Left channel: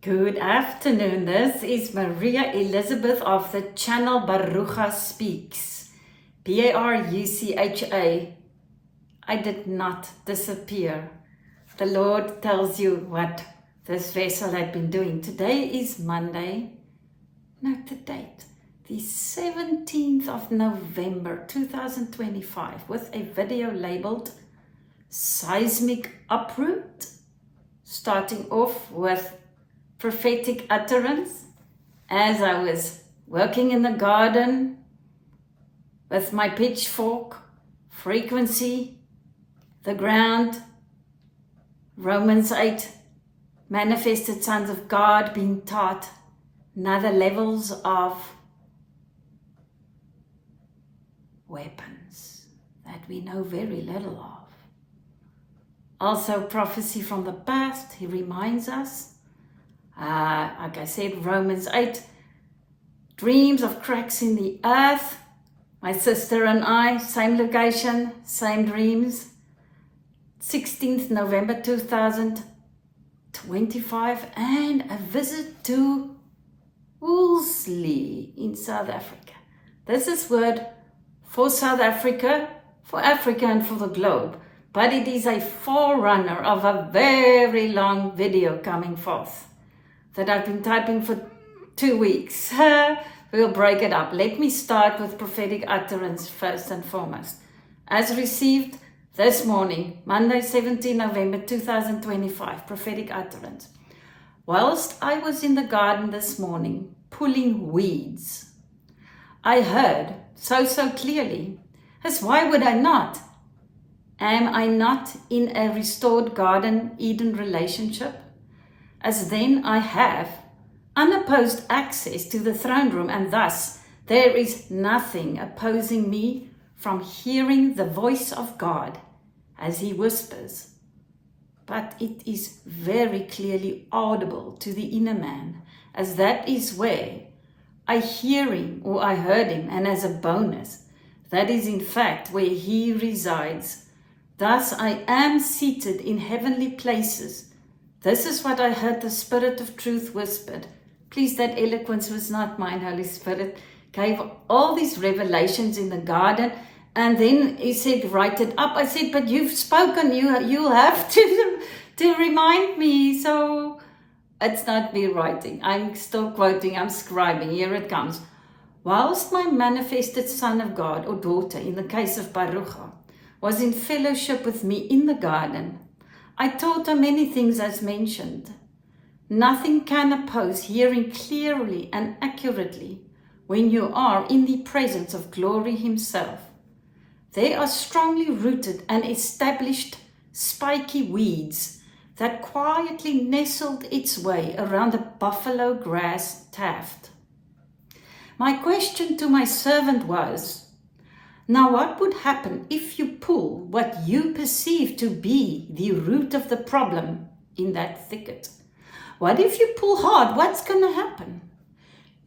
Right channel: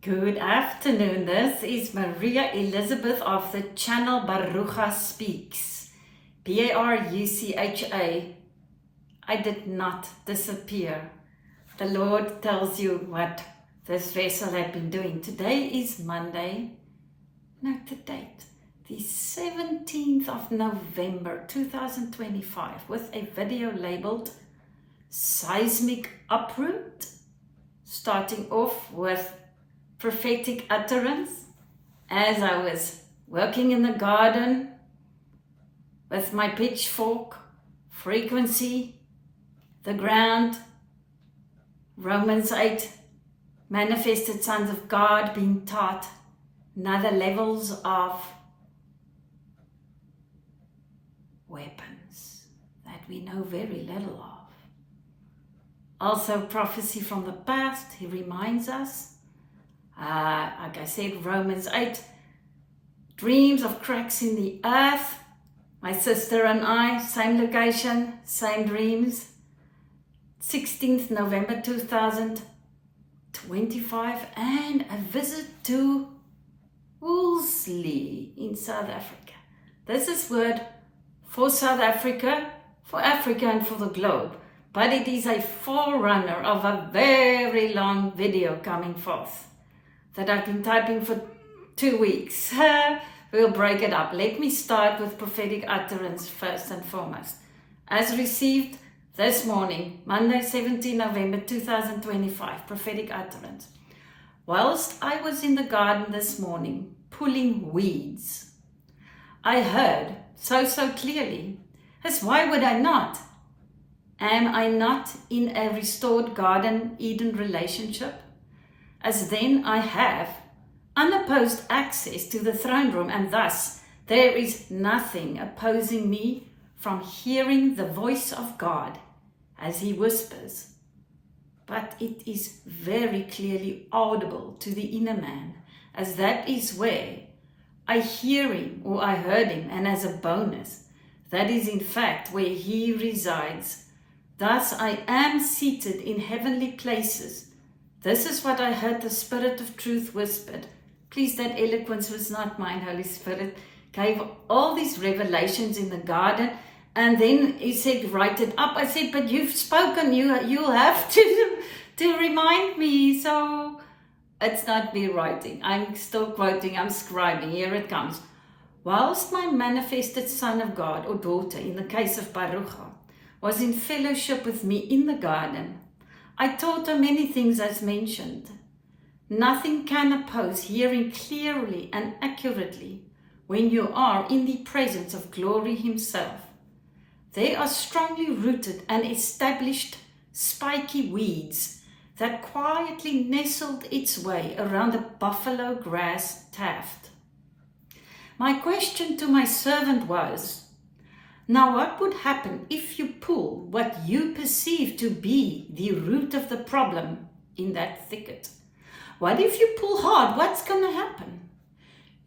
Good afternoon. This is Maria Elizabeth of the channel Barucha Speaks. Barucha. I did not disappear. The Lord tells you what this vessel had been doing. Today is Monday. Note the date. The 17th of November 2025 with a video labeled Seismic Uproot. Starting off with prophetic utterance as I was working in the garden with my pitchfork, frequency, the ground, Romans 8, manifested sons of God being taught another levels of weapons that we know very little of. Also prophecy from the past, he reminds us. Like I said, Romans 8, dreams of cracks in the earth. My sister and I, same location, same dreams. 16th November 2025, and a visit to Wolseley in South Africa. This is word for South Africa, for Africa and for the globe, but it is a forerunner of a very long video coming forth that I've been typing for 2 weeks. We'll break it up. Let me start with prophetic utterance first and foremost. As received this morning, Monday, 17 November 2025, prophetic utterance. Whilst I was in the garden this morning, pulling weeds, I heard so clearly, as why would I not? Am I not in a restored Garden Eden relationship? As then I have unopposed access to the throne room, and thus there is nothing opposing me from hearing the voice of God as he whispers. But it is very clearly audible to the inner man, as that is where I hear him or I heard him, and as a bonus, that is in fact where he resides. Thus I am seated in heavenly places. This is what I heard the Spirit of Truth whispered. Please, that eloquence was not mine. Holy Spirit gave all these revelations in the garden, and then he said, write it up. I said, but you've spoken, you'll have to remind me. So it's not me writing. I'm still quoting, I'm scribing. Here it comes. Whilst my manifested son of God or daughter, in the case of Barucha, was in fellowship with me in the garden, I taught her many things as mentioned. Nothing can oppose hearing clearly and accurately when you are in the presence of glory himself. They are strongly rooted and established spiky weeds that quietly nestled its way around a buffalo grass tuft. My question to my servant was, now what would happen if you pull what you perceive to be the root of the problem in that thicket? What if you pull hard? What's going to happen?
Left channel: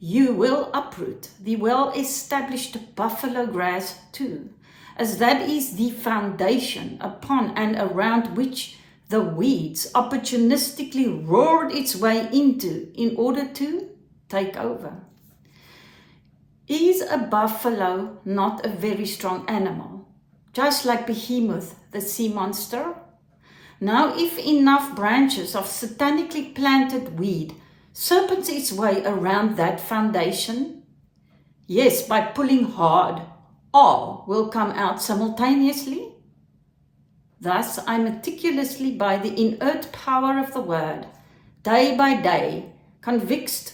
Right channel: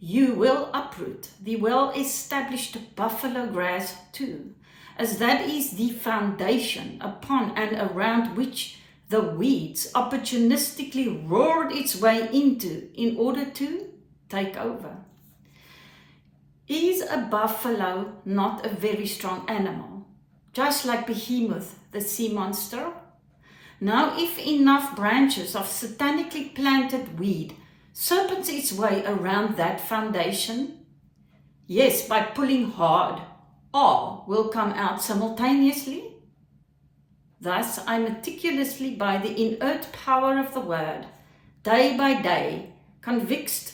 You will uproot the well-established buffalo grass too, as that is the foundation upon and around which the weeds opportunistically roared its way into in order to take over. Is a buffalo not a very strong animal, just like Behemoth, the sea monster? Now, if enough branches of satanically planted weed serpents its way around that foundation, yes, by pulling hard, all will come out simultaneously. Thus, I meticulously, by the inert power of the word, day by day, convicts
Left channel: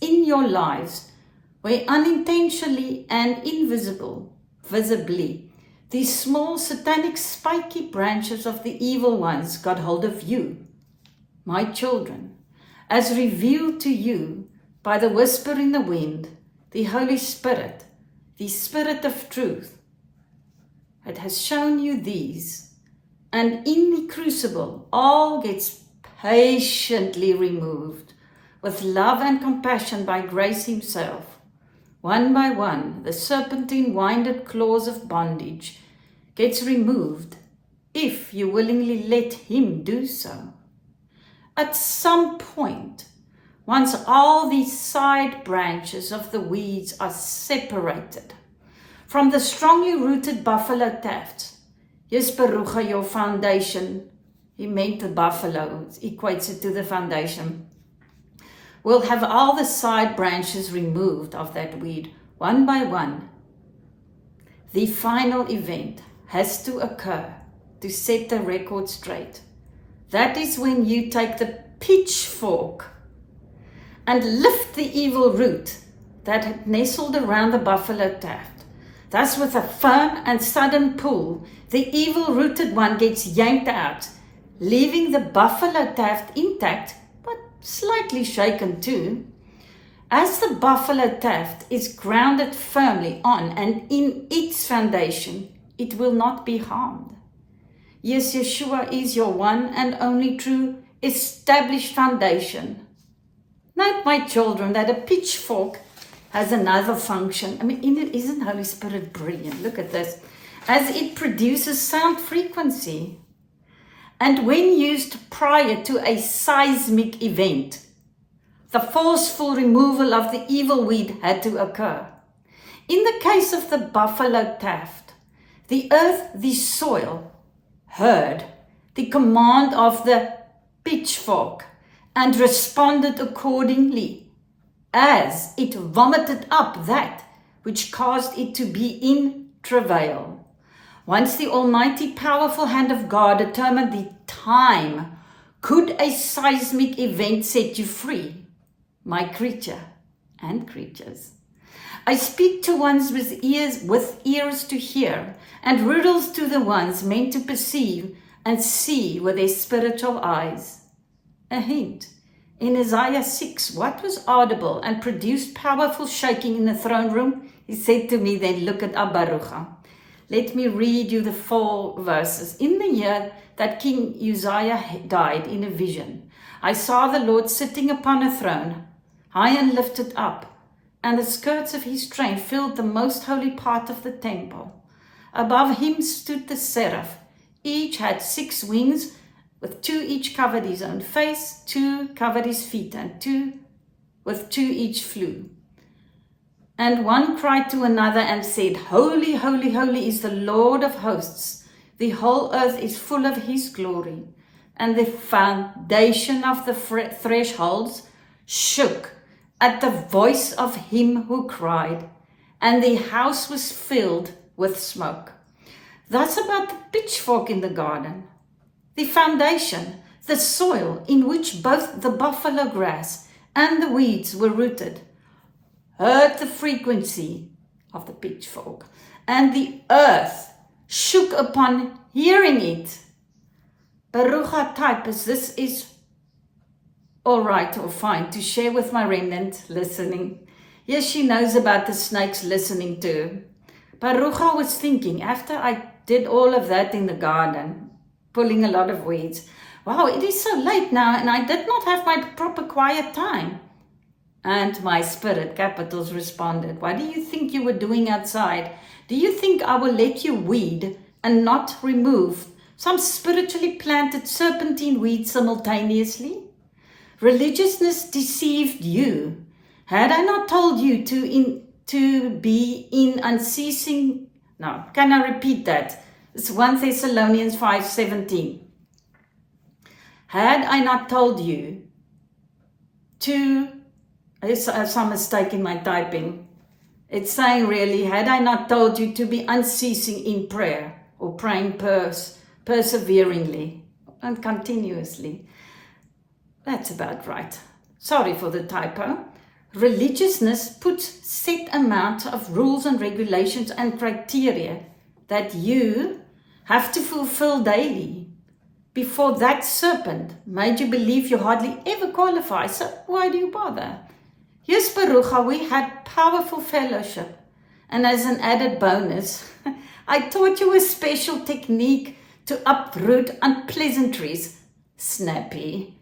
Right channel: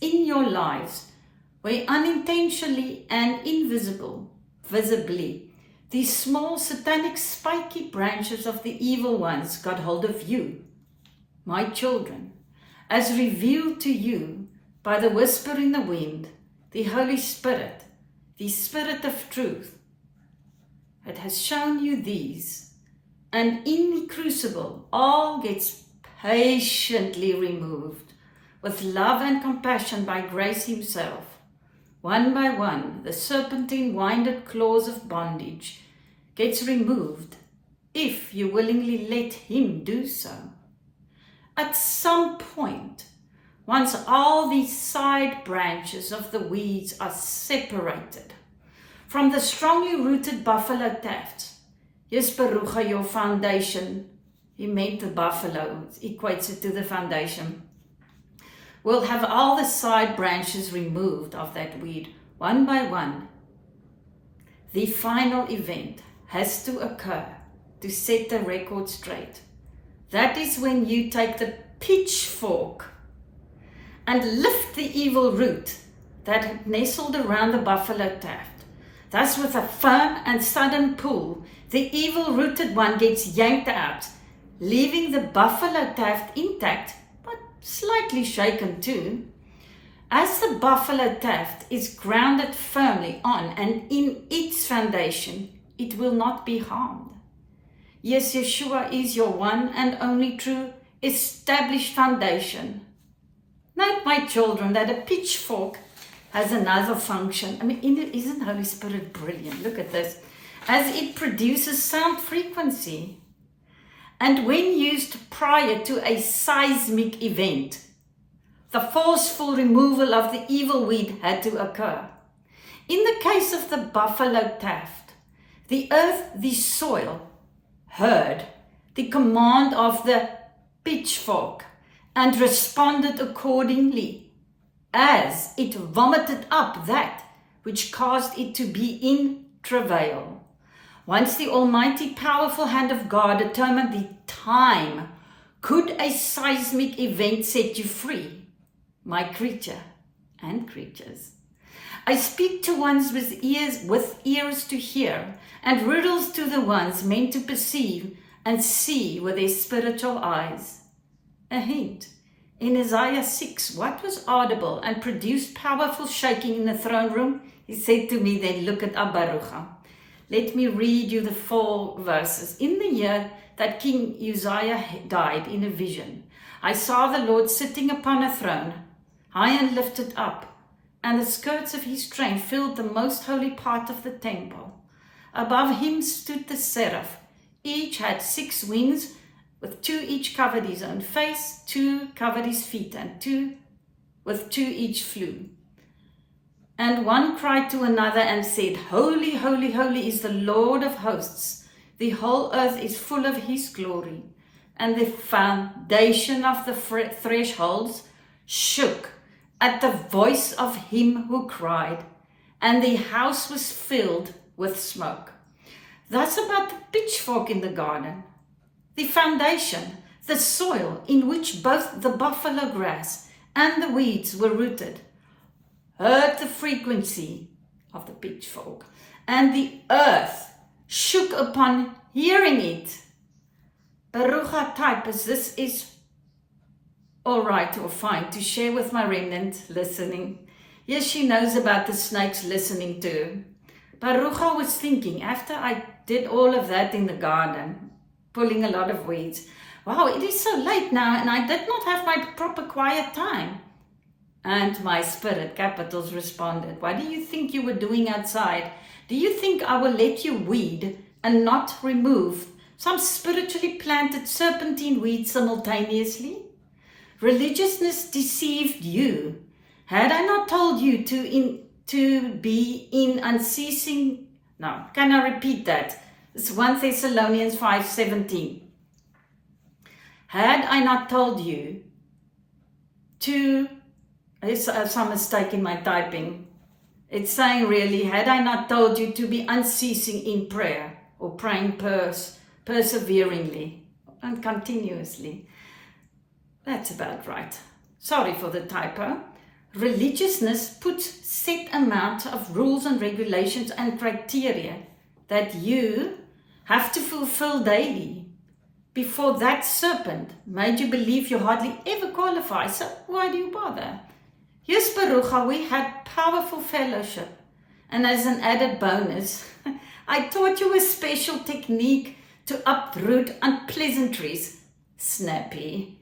in your lives, where unintentionally and visibly, these small satanic spiky branches of the evil ones got hold of you, my children, as revealed to you by the whisper in the wind, the Holy Spirit, the Spirit of truth. It has shown you these, and in the crucible all gets patiently removed with love and compassion by grace himself. One by one, the serpentine winded claws of bondage gets removed if you willingly let him do so. At some point, once all these side branches of the weeds are separated from the strongly rooted buffalo tafts, yes, Baruch, your foundation, he meant the buffalo, equates it to the foundation, will have all the side branches removed of that weed, one by one. The final event has to occur to set the record straight. That is when you take the pitchfork and lift the evil root that had nestled around the buffalo taft. Thus, with a firm and sudden pull, the evil-rooted one gets yanked out, leaving the buffalo taft intact, but slightly shaken too. As the buffalo taft is grounded firmly on and in its foundation, it will not be harmed. Yes, Yeshua is your one and only true established foundation. Note, my children, that a pitchfork has another function. I mean, isn't Holy Spirit brilliant? Look at this. As it produces sound frequency, and when used prior to a seismic event, the forceful removal of the evil weed had to occur. In the case of the buffalo taft, the earth, the soil, heard the command of the pitchfork and responded accordingly, as it vomited up that which caused it to be in travail. Once the almighty powerful hand of God determined the time, could a seismic event set you free, my creature and creatures? I speak to ones with ears to hear, and riddles to the ones meant to perceive and see with their spiritual eyes. A hint. In Isaiah 6, what was audible and produced powerful shaking in the throne room? He said to me, then look at Baruch. Let me read you the 4 verses. In the year that King Uzziah died, in a vision, I saw the Lord sitting upon a throne, high and lifted up, and the skirts of his train filled the most holy part of the temple. Above him stood the seraph. Each had 6 wings, with 2 each covered his own face, 2 covered his feet, and 2 each flew. And one cried to another and said, Holy, holy, holy is the Lord of hosts. The whole earth is full of his glory. And the foundation of the thresholds shook at the voice of him who cried, and the house was filled with smoke. That's about the pitchfork in the garden. The foundation, the soil in which both the buffalo grass and the weeds were rooted, heard the frequency of the pitchfork, and the earth shook upon hearing it. Baruch types, this is all right or fine to share with my remnant listening. Yes, she knows about the snakes listening too. Baruch was thinking, after I did all of that in the garden, pulling a lot of weeds, wow, it is so late now and I did not have my proper quiet time. And my spirit, capitals, responded, what do you think you were doing outside? Do you think I will let you weed and not remove some spiritually planted serpentine weeds simultaneously? Religiousness deceived you. Had I not told you to be in unceasing... Now, can I repeat that? It's 1 Thessalonians 5:17. Had I not told you to... There's some mistake in my typing. It's saying really, had I not told you to be unceasing in prayer or praying perseveringly and continuously. That's about right. Sorry for the typo. Religiousness puts set amount of rules and regulations and criteria that you have to fulfill daily. Before that serpent made you believe you hardly ever qualify, so why do you bother? Yes, Baruch, we had powerful fellowship. And as an added bonus, I taught you a special technique to uproot unpleasantries. Snappy.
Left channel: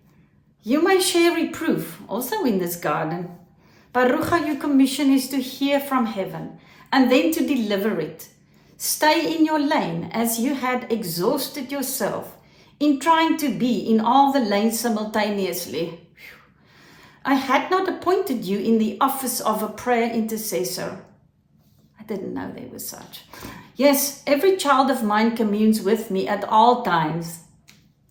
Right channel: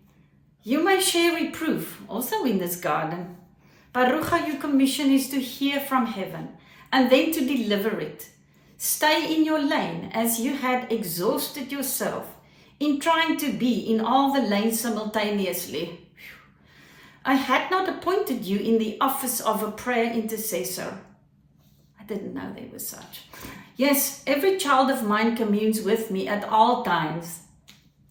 You may share reproof also in this garden. Baruch, your commission is to hear from heaven and then to deliver it. Stay in your lane as you had exhausted yourself in trying to be in all the lanes simultaneously. I had not appointed you in the office of a prayer intercessor. I didn't know there was such. Yes, every child of mine communes with me at all times.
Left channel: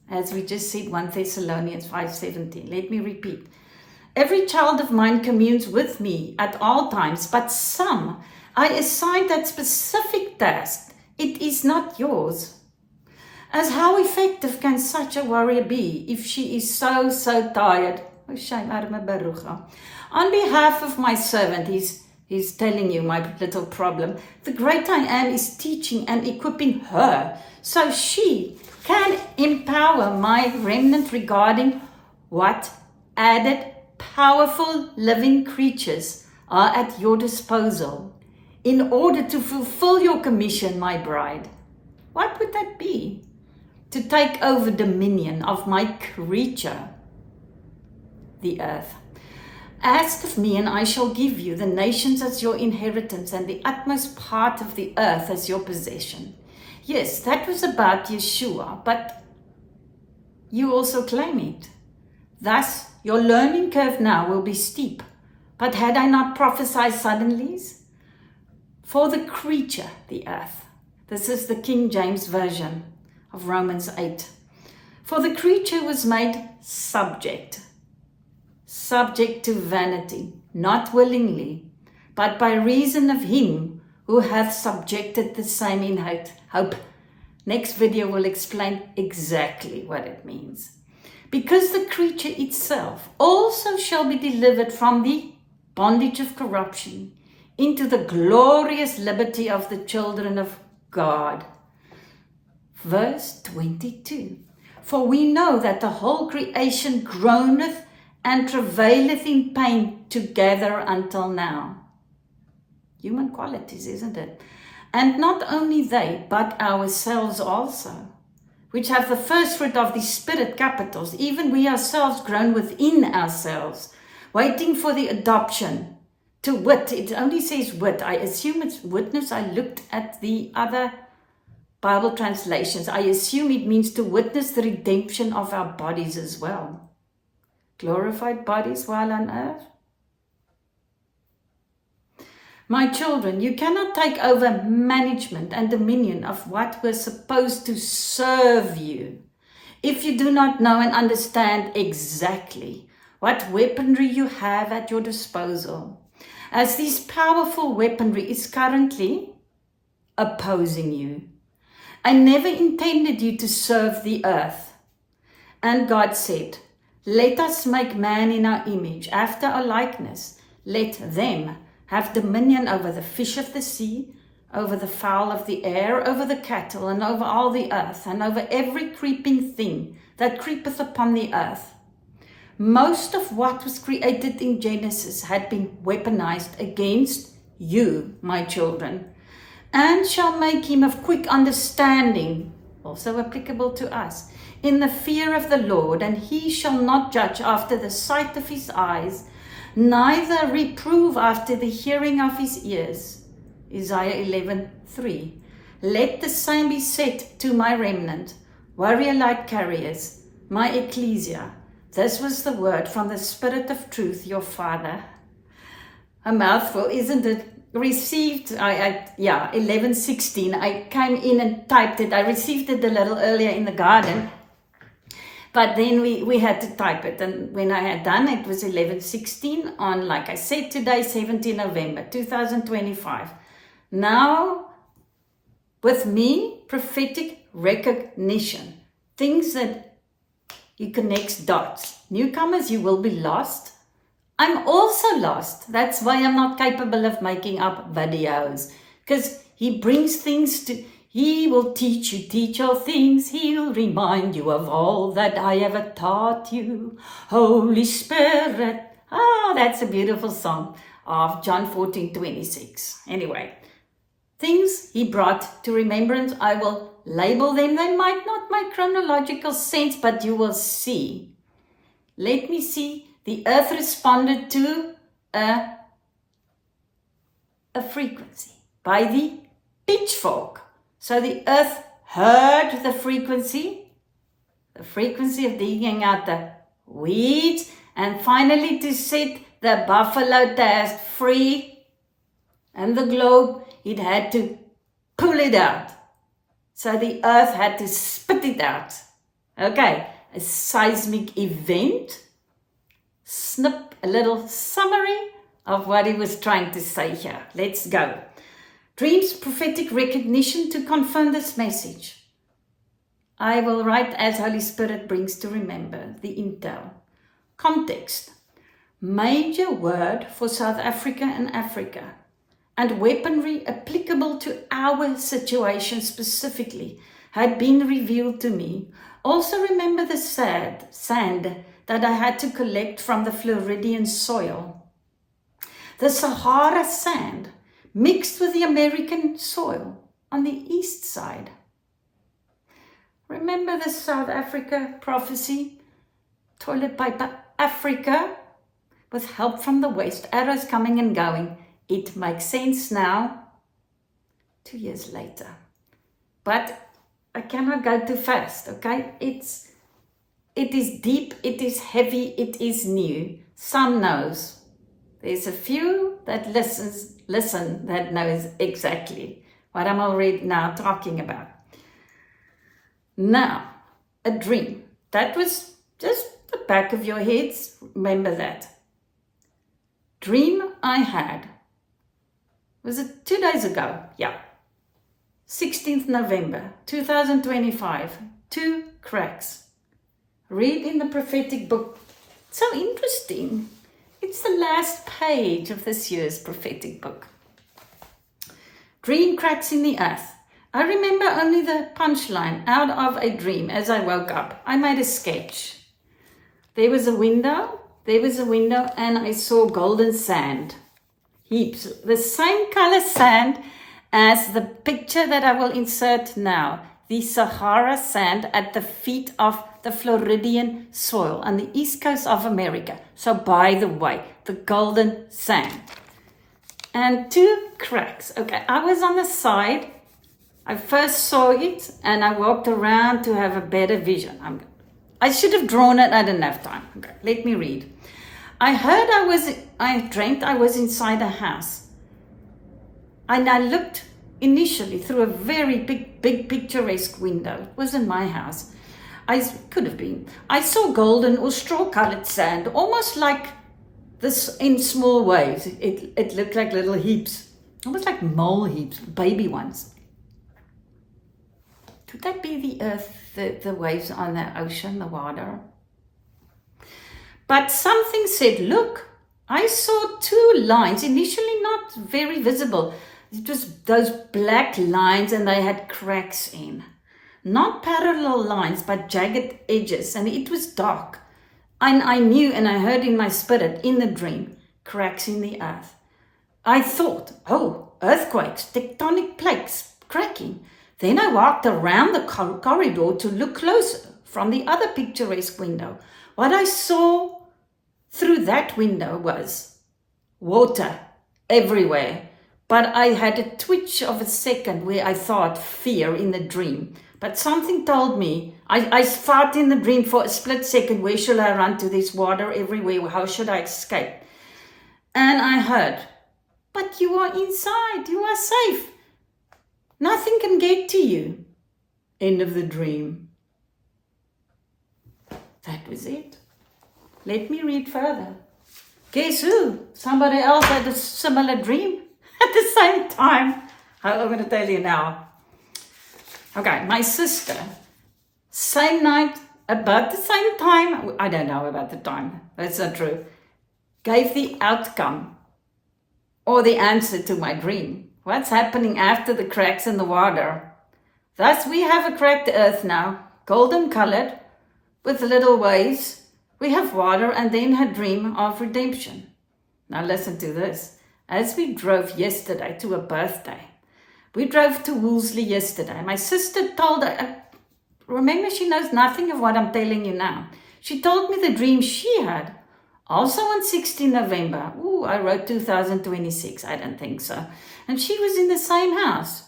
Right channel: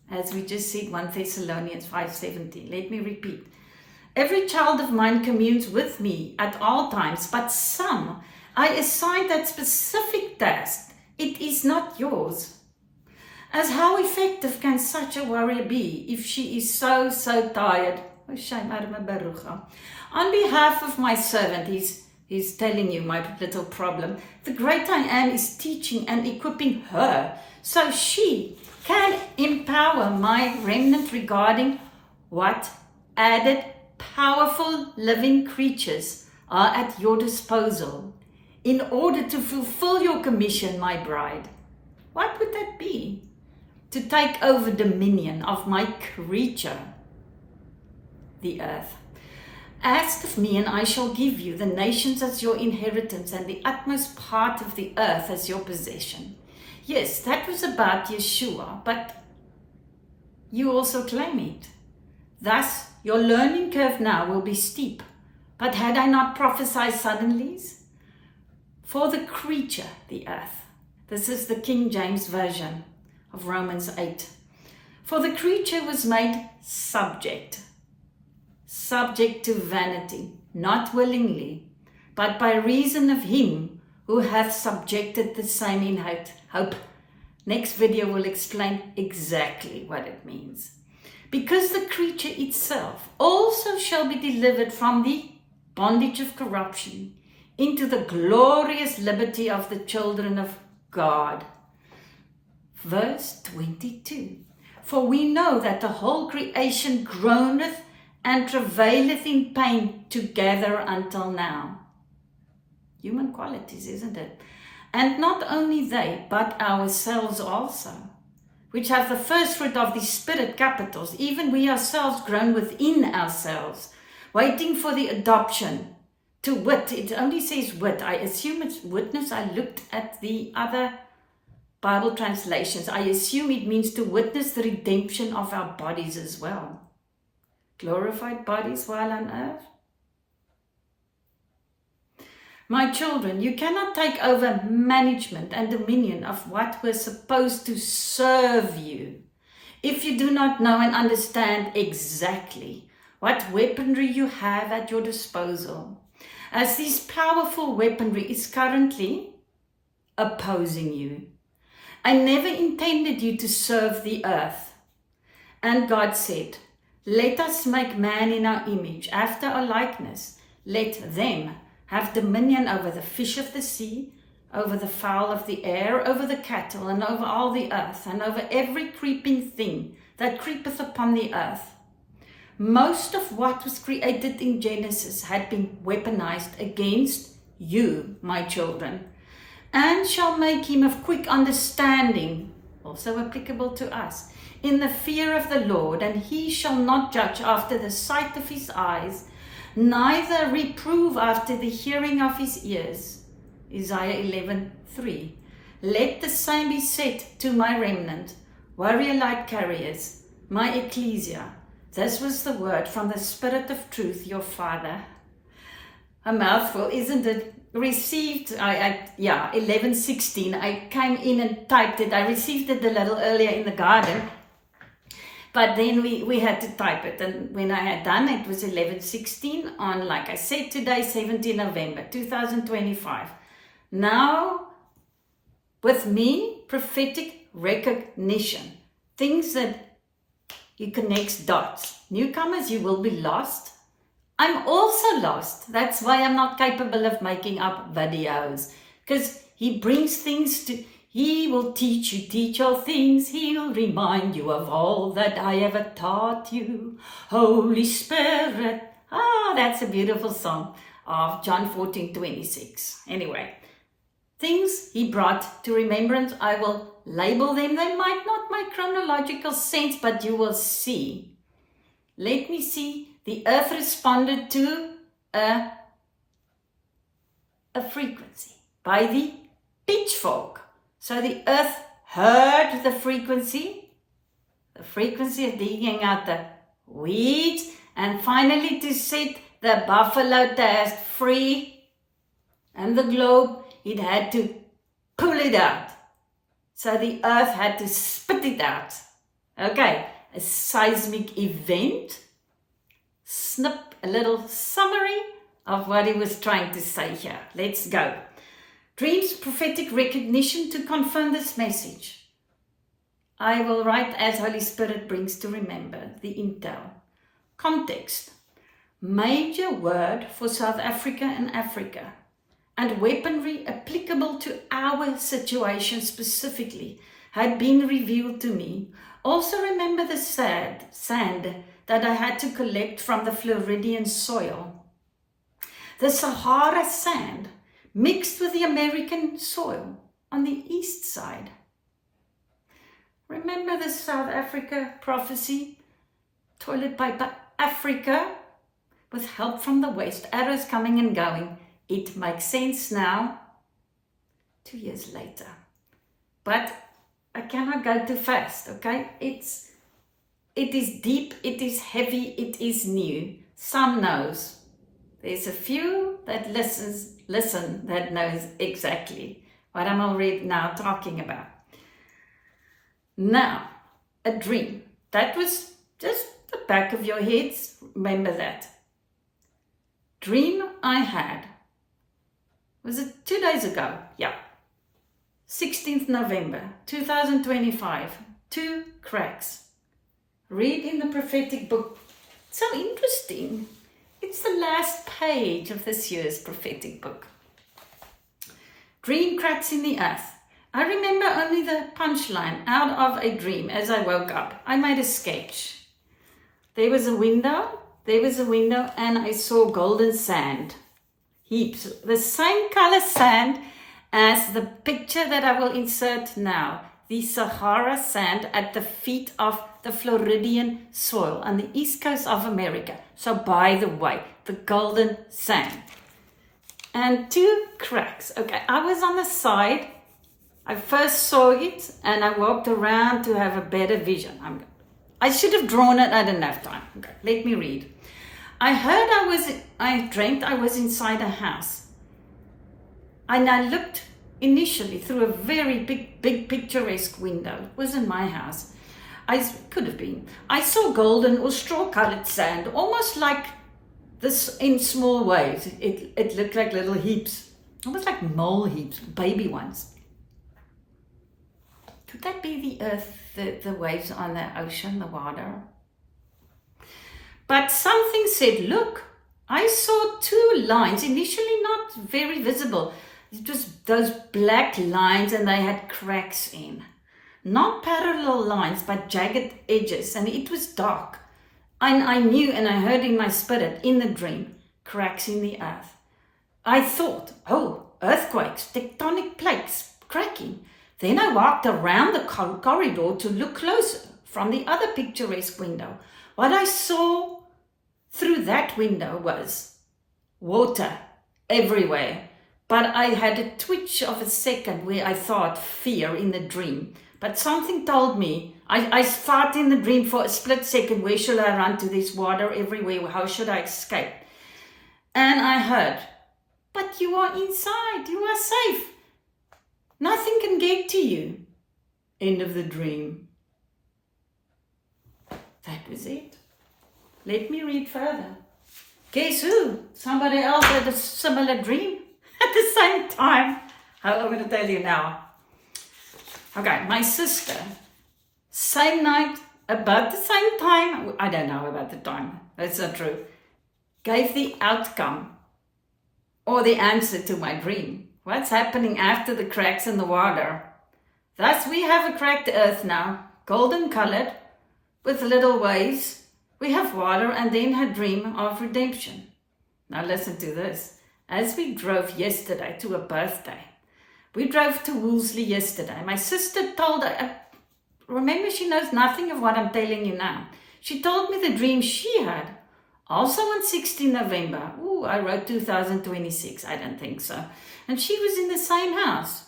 As we just said, 1 Thessalonians 5:17. Let me repeat. Every child of mine communes with me at all times, but some I assign that specific task. It is not yours. As how effective can such a warrior be if she is so tired? Oh, shame, arme Barucha. On behalf of my servant, he's telling you my little problem. The great I am is teaching and equipping her so she can empower my remnant regarding what added powerful living creatures are at your disposal in order to fulfill your commission, my bride. What would that be? To take over dominion of my creature, the earth. Ask of me, and I shall give you the nations as your inheritance and the utmost part of the earth as your possession. Yes, that was about Yeshua, but you also claim it. Thus, your learning curve now will be steep. But had I not prophesied suddenly? For the creature, the earth. This is the King James Version of Romans 8. For the creature was made subject to vanity, not willingly, but by reason of him who hath subjected the same in hope. Next video will explain exactly what it means. Because the creature itself also shall be delivered from the bondage of corruption into the glorious liberty of the children of God. Verse 22. For we know that the whole creation groaneth and travaileth in pain together until now. Human qualities, isn't it? And not only they, but ourselves also, which have the first fruit of the Spirit, capitals, even we ourselves groan within ourselves, waiting for the adoption to wit. It only says wit. I assume it's witness. I looked at the other Bible translations. I assume it means to witness the redemption of our bodies as well. Glorified bodies while on earth. My children, you cannot take over management and dominion of what was supposed to serve you if you do not know and understand exactly what weaponry you have at your disposal, as this powerful weaponry is currently opposing you. I never intended you to serve the earth. And God said, let us make man in our image, after our likeness. Let them have dominion over the fish of the sea, over the fowl of the air, over the cattle, and over all the earth, and over every creeping thing that creepeth upon the earth. Most of what was created in Genesis had been weaponized against you, my children, and shall make him of quick understanding, also applicable to us, in the fear of the Lord, and he shall not judge after the sight of his eyes, neither reprove after the hearing of his ears. Isaiah 11:3. Let the same be said to my remnant, warrior light carriers, my ecclesia. This was the word from the Spirit of truth, your Father. A mouthful, isn't it? Received, 11:16. I came in and typed it. I received it a little earlier in the garden, but then we had to type it. And when I had done it, was 11:16 on, like I said, today, 17 November 2025. Now, with me, prophetic recognition. Things that you connect dots. Newcomers, you will be lost. I'm also lost. That's why I'm not capable of making up videos. Because he brings things to... He will teach all things. He'll remind you of all that I ever taught you. Holy Spirit. That's a beautiful song of John 14:26. Anyway, things he brought to remembrance, I will label them. They might not make chronological sense, but you will see. Let me see. The earth responded to a frequency by the pitchfork. So the earth heard the frequency the frequency of digging out the weeds, and finally to set the buffalo task free and the globe, it had to pull it out. So the earth had to spit it out. Okay, a seismic event. Snip, a little summary of what he was trying to say here. Let's go. Dreams, prophetic recognition to confirm this message. I will write as Holy Spirit brings to remember the intel. Context. Major word for South Africa and Africa, and weaponry applicable to our situation specifically had been revealed to me. Also remember the sand that I had to collect from the Floridian soil. The Sahara sand mixed with the American soil on the east side. Remember the South Africa prophecy? Toilet paper Africa with help from the west, arrows coming and going. It makes sense now, 2 years later. But I cannot go too fast, okay? It is deep, it is heavy, it is new. Some knows. There's a few that listen that knows exactly what I'm already now talking about. Now, a dream. That was just the back of your heads. Remember that. Dream I had. Was it 2 days ago? Yeah. 16th November 2025. 2 cracks. Read in the prophetic book. It's so interesting. It's the last page of this year's prophetic book. Dream cracks in the earth. I remember only the punchline out of a dream as I woke up. I made a sketch. There was a window, and I saw golden sand. Heaps. The same color sand as the picture that I will insert now. The Sahara sand at the feet of the Floridian soil on the east coast of America. So by the way, the golden sand. And 2 cracks. Okay, I was on the side. I first saw it and I walked around to have a better vision. I should have drawn it, I didn't have time. Okay, let me read. I dreamt I was inside a house. And I looked initially through a very big picturesque window. It wasn't my house. Could have been. I saw golden or straw-colored sand, almost like this in small waves. It looked like little heaps, almost like mole heaps, baby ones. Could that be the earth, the waves on the ocean, the water? But something said, look, I saw 2 lines, initially not very visible. It was those black lines and they had cracks in. Not parallel lines, but jagged edges, and it was dark. And I knew and I heard in my spirit, in the dream, cracks in the earth. I thought, oh, earthquakes, tectonic plates cracking. Then I walked around the corridor to look closer from the other picturesque window. What I saw through that window was water everywhere. But I had a twitch of a second where I thought fear in the dream. But something told me, I thought in the dream for a split second, where shall I run to? This water everywhere, how should I escape? And I heard, but you are inside, you are safe. Nothing can get to you. End of the dream. That was it. Let me read further. Guess who? Somebody else had a similar dream at the same time. I'm going to tell you now. Okay, my sister, same night, about the same time, I don't know about the time, that's not true, gave the outcome or the answer to my dream. What's happening after the cracks in the water? Thus, we have a cracked earth now, golden colored, with little waves. We have water and then a dream of redemption. Now listen to this. As we drove yesterday to a birthday, we drove to Woolsley yesterday. My sister told her, remember, she knows nothing of what I'm telling you now. She told me the dream she had. Also on 16 November. Ooh, I wrote 2026. I don't think so. And she was in the same house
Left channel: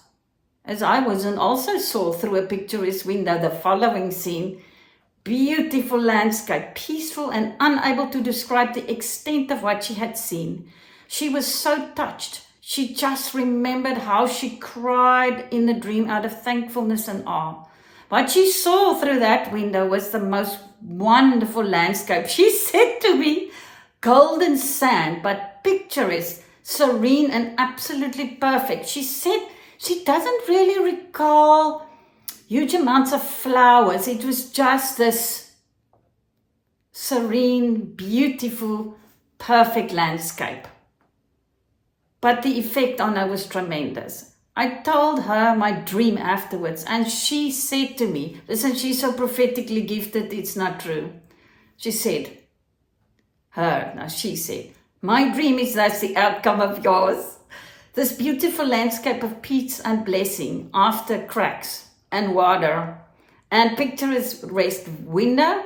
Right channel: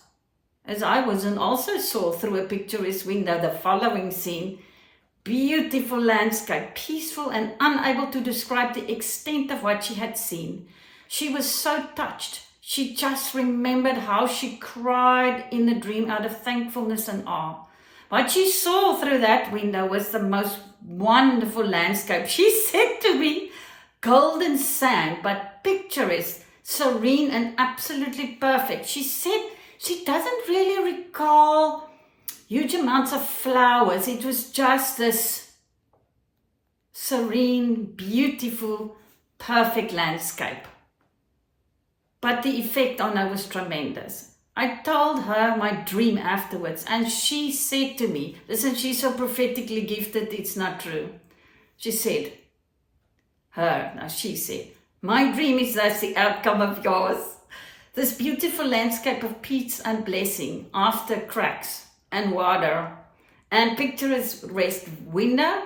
as I was and also saw through a picturesque window the following scene. beautiful landscape, peaceful and unable to describe the extent of what she had seen. She was so touched. She just remembered how she cried in the dream out of thankfulness and awe. What she saw through that window was the most wonderful landscape. She said to me, golden sand, but picturesque, serene and absolutely perfect. She said she doesn't really recall huge amounts of flowers. It was just this serene, beautiful, perfect landscape. But the effect on her was tremendous. I told her my dream afterwards, and she said to me, listen, she's so prophetically gifted, it's not true. She said, she said, my dream is thus the outcome of yours. This beautiful landscape of peace and blessing after cracks and water and picturesque window,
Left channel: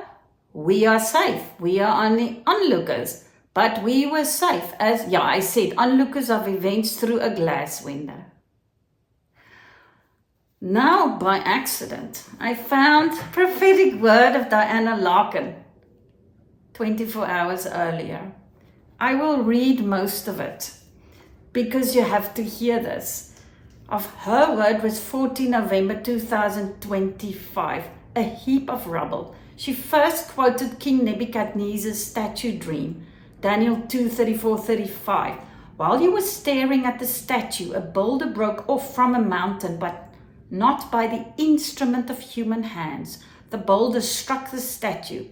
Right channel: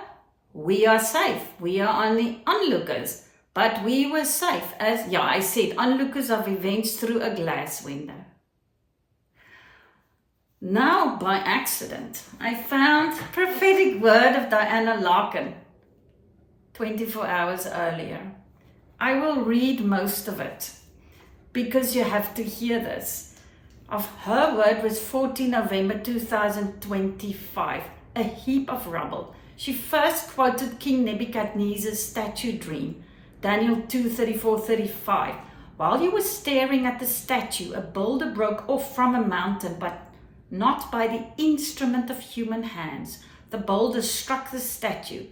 we are safe. We are only onlookers, but we were safe as, I said, onlookers of events through a glass window. Now, by accident, I found prophetic word of Diana Larkin 24 hours earlier. I will read most of it because you have to hear this. Of her word was 14 November 2025, a heap of rubble. She first quoted King Nebuchadnezzar's statue dream, Daniel 2:34-35. While he was staring at the statue, a boulder broke off from a mountain, but not by the instrument of human hands. The boulder struck the statue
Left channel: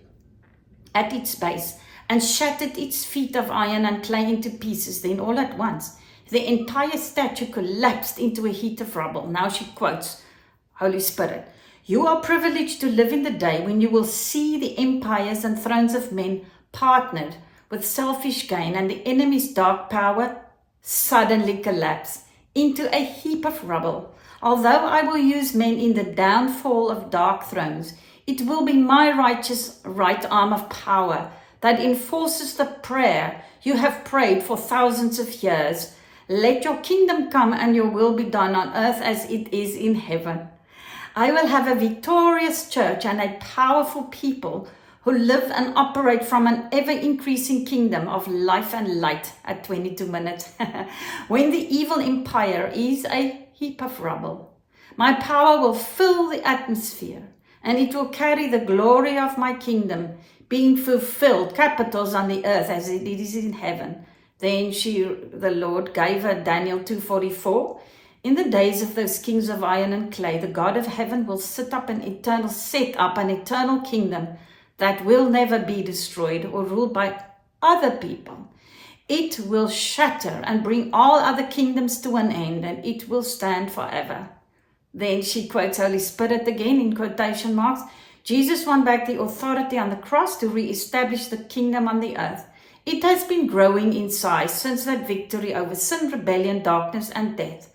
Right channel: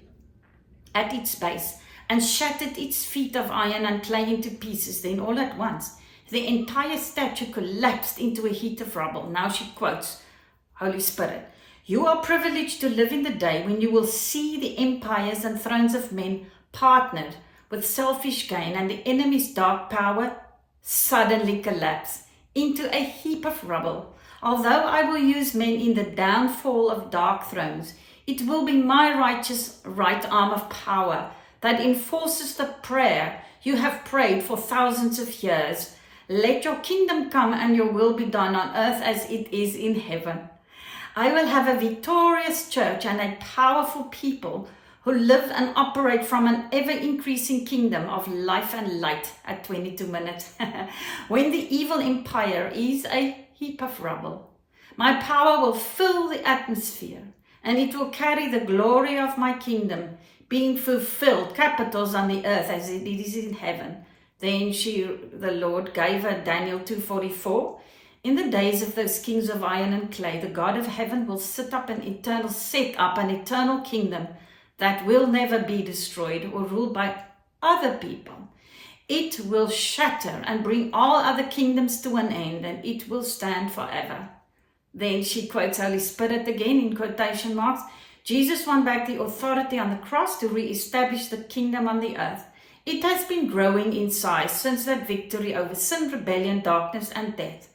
at its base and shattered its feet of iron and clay into pieces. Then all at once, the entire statue collapsed into a heap of rubble. Now she quotes Holy Spirit. You are privileged to live in the day when you will see the empires and thrones of men partnered with selfish gain, and the enemy's dark power suddenly collapse into a heap of rubble. Although I will use men in the downfall of dark thrones, it will be my righteous right arm of power that enforces the prayer you have prayed for thousands of years. Let your kingdom come and your will be done on earth as it is in heaven. I will have a victorious church and a powerful people who live and operate from an ever-increasing kingdom of life and light at 22 minutes. When the evil empire is a heap of rubble, my power will fill the atmosphere, and it will carry the glory of my kingdom being fulfilled, capitals on the earth as it is in heaven. Then the Lord gave her Daniel 2:44. In the days of those kings of iron and clay, the God of heaven will set up an eternal kingdom that will never be destroyed or ruled by other people. It will shatter and bring all other kingdoms to an end, and it will stand forever. Then she quotes Holy Spirit again in quotation marks. Jesus won back the authority on the cross to re-establish the kingdom on the earth. It has been growing in size since that victory over sin, rebellion, darkness, and death.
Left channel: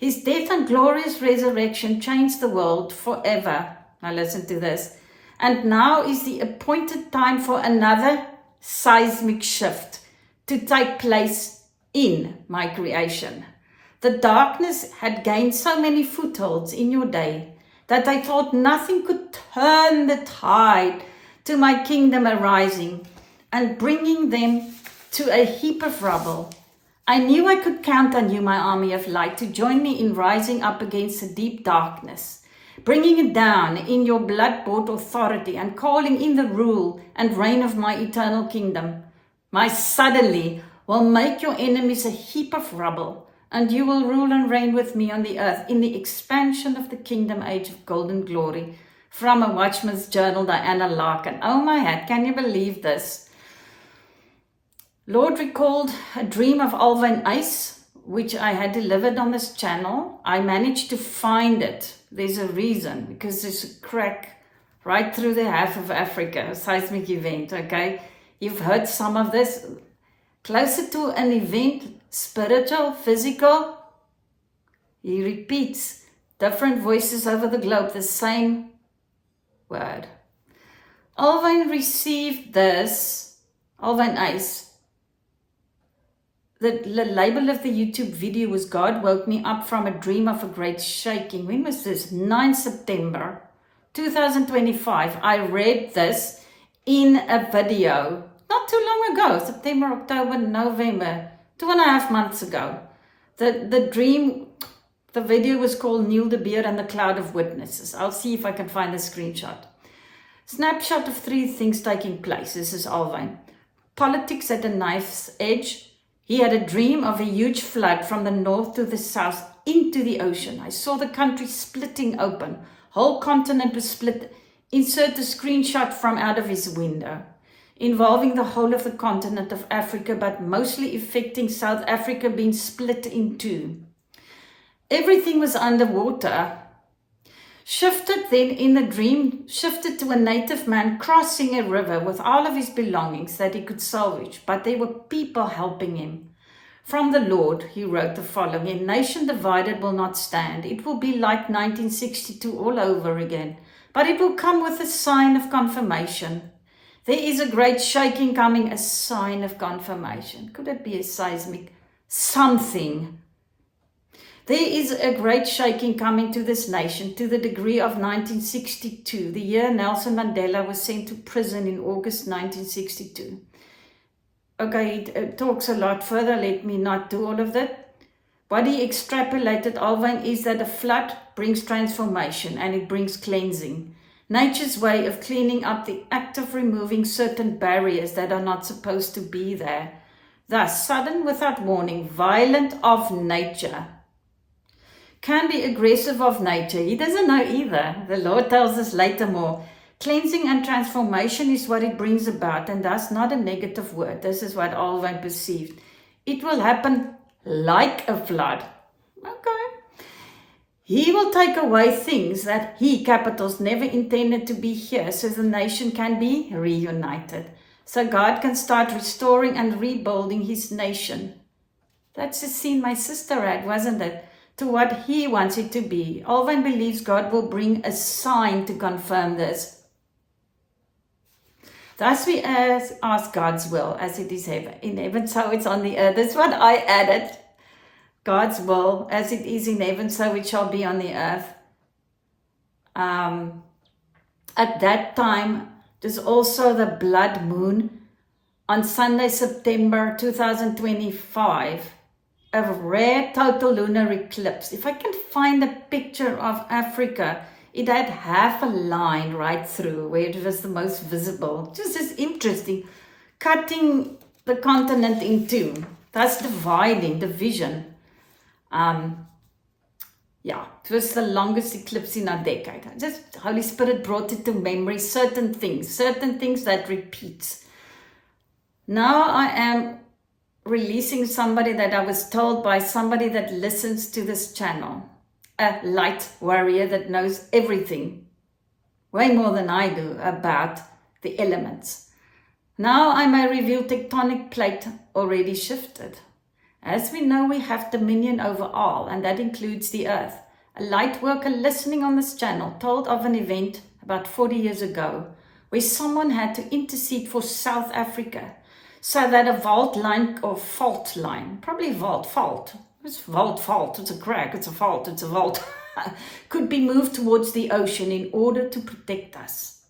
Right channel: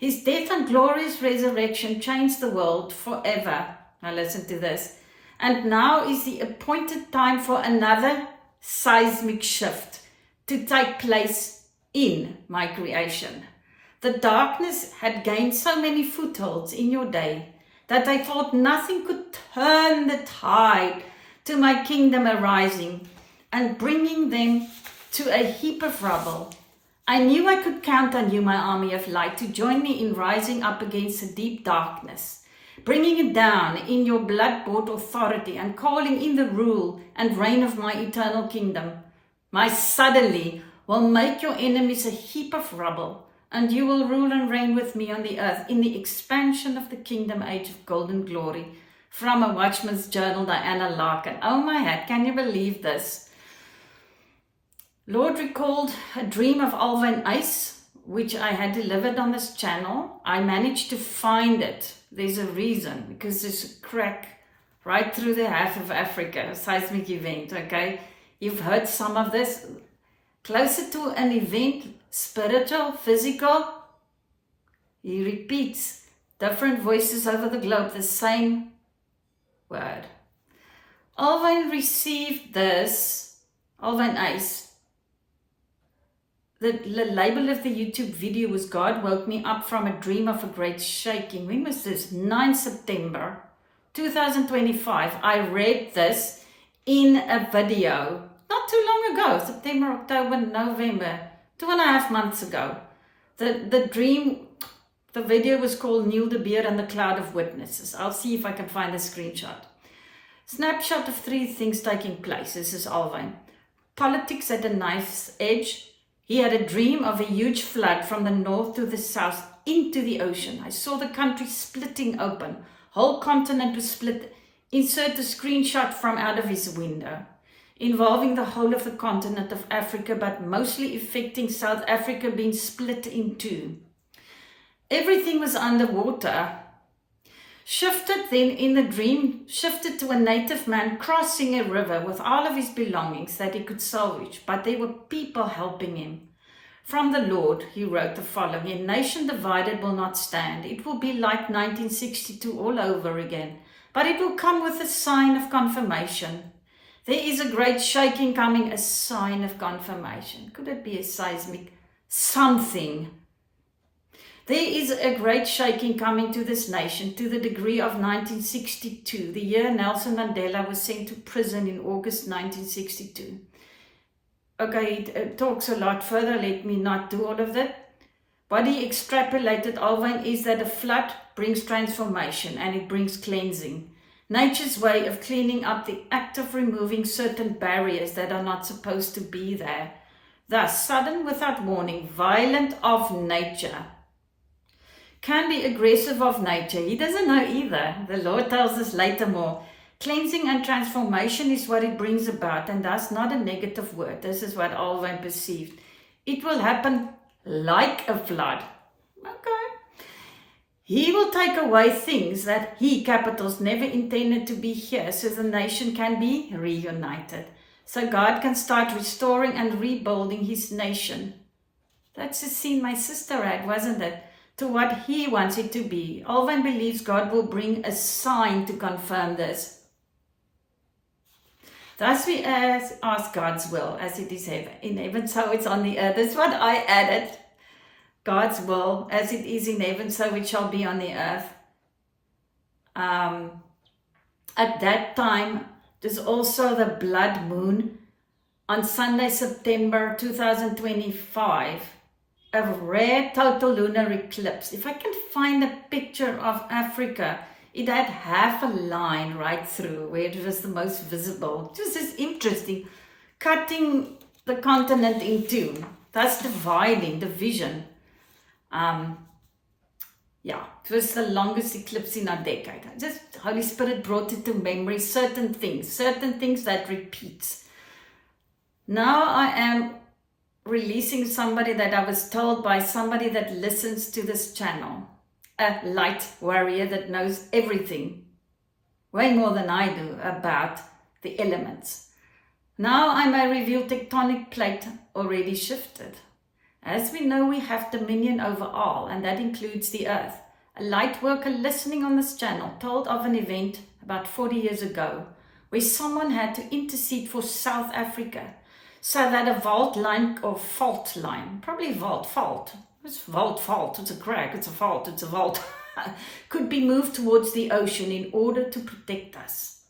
His death and glorious resurrection changed the world forever. Now listen to this. And now is the appointed time for another seismic shift to take place in my creation. The darkness had gained so many footholds in your day that I thought nothing could turn the tide to my kingdom arising and bringing them to a heap of rubble. I knew I could count on you, my army of light, to join me in rising up against the deep darkness, bringing it down in your blood-bought authority and calling in the rule and reign of my eternal kingdom. My suddenly will make your enemies a heap of rubble, and you will rule and reign with me on the earth in the expansion of the kingdom age of golden glory. From a Watchman's Journal, Diana Larkin. Oh my head, can you believe this? Lord recalled a dream of Alvin Ice, which I had delivered on this channel. I managed to find it. There's a reason, because there's a crack right through the half of Africa, a seismic event, okay? You've heard some of this. Closer to an event, spiritual, physical, he repeats different voices over the globe, the same word. Alvin received this, Alvin Ice. The label of the YouTube video was God woke me up from a dream of a great shaking. When was this? 9 September 2025, I read this in a video not too long ago, September, October, November, 2.5 months ago. The video was called Neil de Beer and the Cloud of Witnesses. I'll see if I can find a screenshot. Snapshot of 3 things taking place. This is Alwyn. Politics at a knife's edge. He had a dream of a huge flood from the north to the south into the ocean. I saw the country splitting open. Whole continent was split. Insert a screenshot from out of his window. Involving the whole of the continent of Africa, but mostly affecting South Africa being split in 2. Everything was underwater. Shifted then in the dream, shifted to a native man crossing a river with all of his belongings that he could salvage, but there were people helping him. From the Lord, he wrote the following: a nation divided will not stand. It will be like 1962 all over again, but it will come with a sign of confirmation. There is a great shaking coming, a sign of confirmation. Could it be a seismic? Something. There is a great shaking coming to this nation to the degree of 1962, the year Nelson Mandela was sent to prison in August 1962. Okay, it talks a lot further. Let me not do all of that. What he extrapolated, Alwyn, is that a flood brings transformation and it brings cleansing. Nature's way of cleaning up, the act of removing certain barriers that are not supposed to be there. Thus, sudden, without warning, violent of nature. Can be aggressive of nature. He doesn't know either. The Lord tells us later more. Cleansing and transformation is what it brings about, and thus not a negative word. This is what Alwyn perceived. It will happen like a flood. Okay. He will take away things that he, capitals, never intended to be here, so the nation can be reunited. So God can start restoring and rebuilding his nation. That's the scene my sister had, wasn't it? To what he wants it to be. Alwyn believes God will bring a sign to confirm this. Thus we ask God's will as it is in heaven, so it's on the earth. That's what I added. God's will as it is in heaven, so it shall be on the earth. At that time, there's also the blood moon on Sunday, September 2025. A rare total lunar eclipse. If I can find a picture of Africa, it had half a line right through where it was the most visible. Just as interesting, cutting the continent in 2. That's dividing, division. It was the longest eclipse in a decade. Just Holy Spirit brought it to memory, certain things that repeats. Now I am releasing somebody that I was told by somebody that listens to this channel, a light warrior that knows everything, way more than I do, about the elements. Now I may reveal tectonic plate already shifted. As we know, we have dominion over all, and that includes the earth. A light worker listening on this channel told of an event about 40 years ago where someone had to intercede for South Africa, so that a fault line, probably fault, it's fault, it's a crack, it's a fault, could be moved towards the ocean in order to protect us.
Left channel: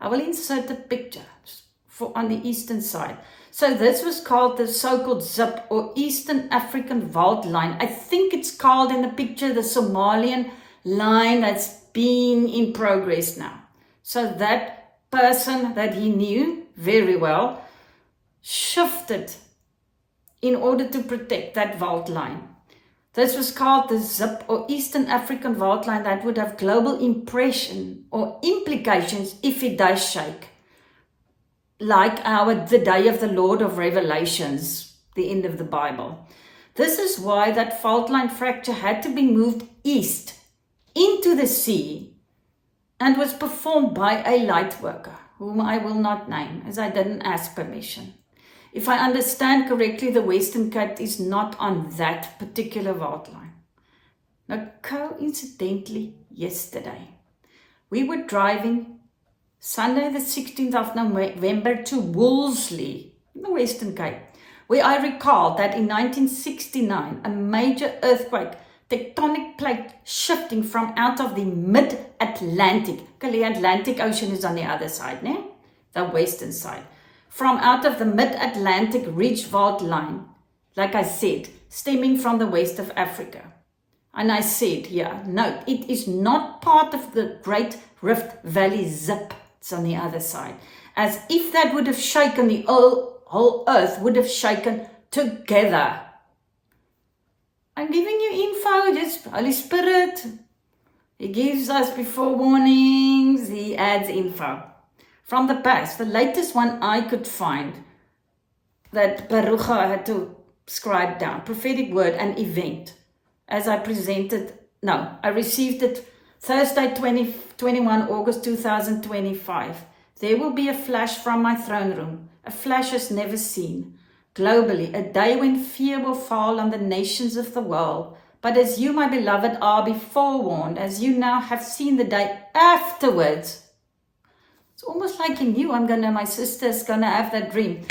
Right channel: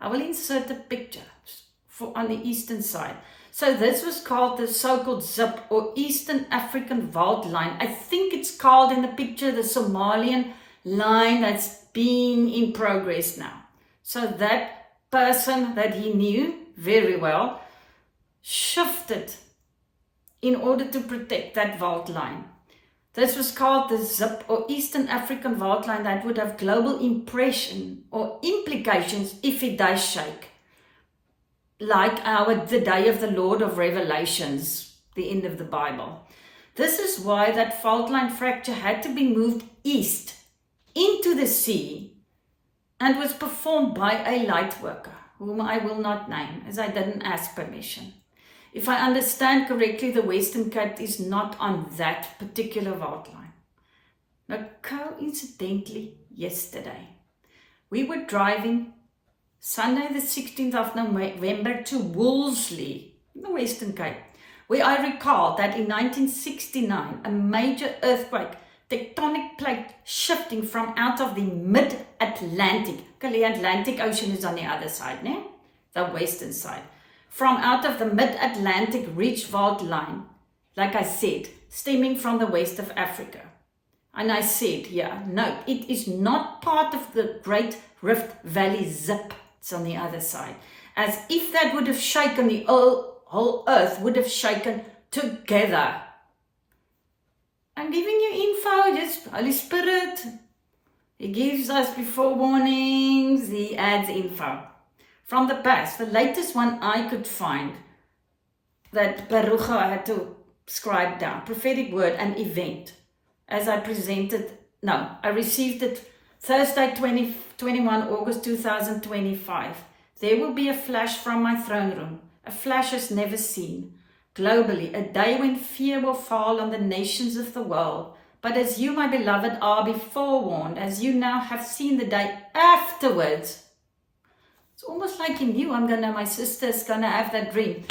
I will insert a picture on the eastern side. So this was called the so-called ZIP or Eastern African Vault Line. I think it's called in the picture the Somalian line that's been in progress now. So that person that he knew very well shifted in order to protect that vault line. This was called the ZIP or Eastern African Vault Line that would have global impression or implications if it does shake. Like the day of the Lord of Revelations, the end of the Bible. This is why that fault line fracture had to be moved east into the sea and was performed by a light worker, whom I will not name as I didn't ask permission. If I understand correctly, the Western Cape is not on that particular vault line. Now, coincidentally, yesterday, we were driving Sunday the 16th of November to Wolseley, in the Western Cape, where I recall that in 1969, a major earthquake tectonic plate shifting from out of the mid-Atlantic. Okay, the Atlantic Ocean is on the other side, né? The western side. From out of the mid-Atlantic ridge fault line, like I said, stemming from the west of Africa. And I said, yeah, no, it is not part of the Great Rift Valley zip. It's on the other side. As if that would have shaken the whole earth, would have shaken together. I'm giving you info, just Holy Spirit. He gives us before warnings, he adds info. From the past, the latest one I could find that Barucha had to scribe down, prophetic word and event, as I presented, I received it Thursday 21 August 2025. There will be a flash from my throne room, a flash as never seen. Globally, a day when fear will fall on the nations of the world. But as you, my beloved, are be forewarned, as you now have seen the day afterwards. It's almost like you knew my sister's gonna have that dream.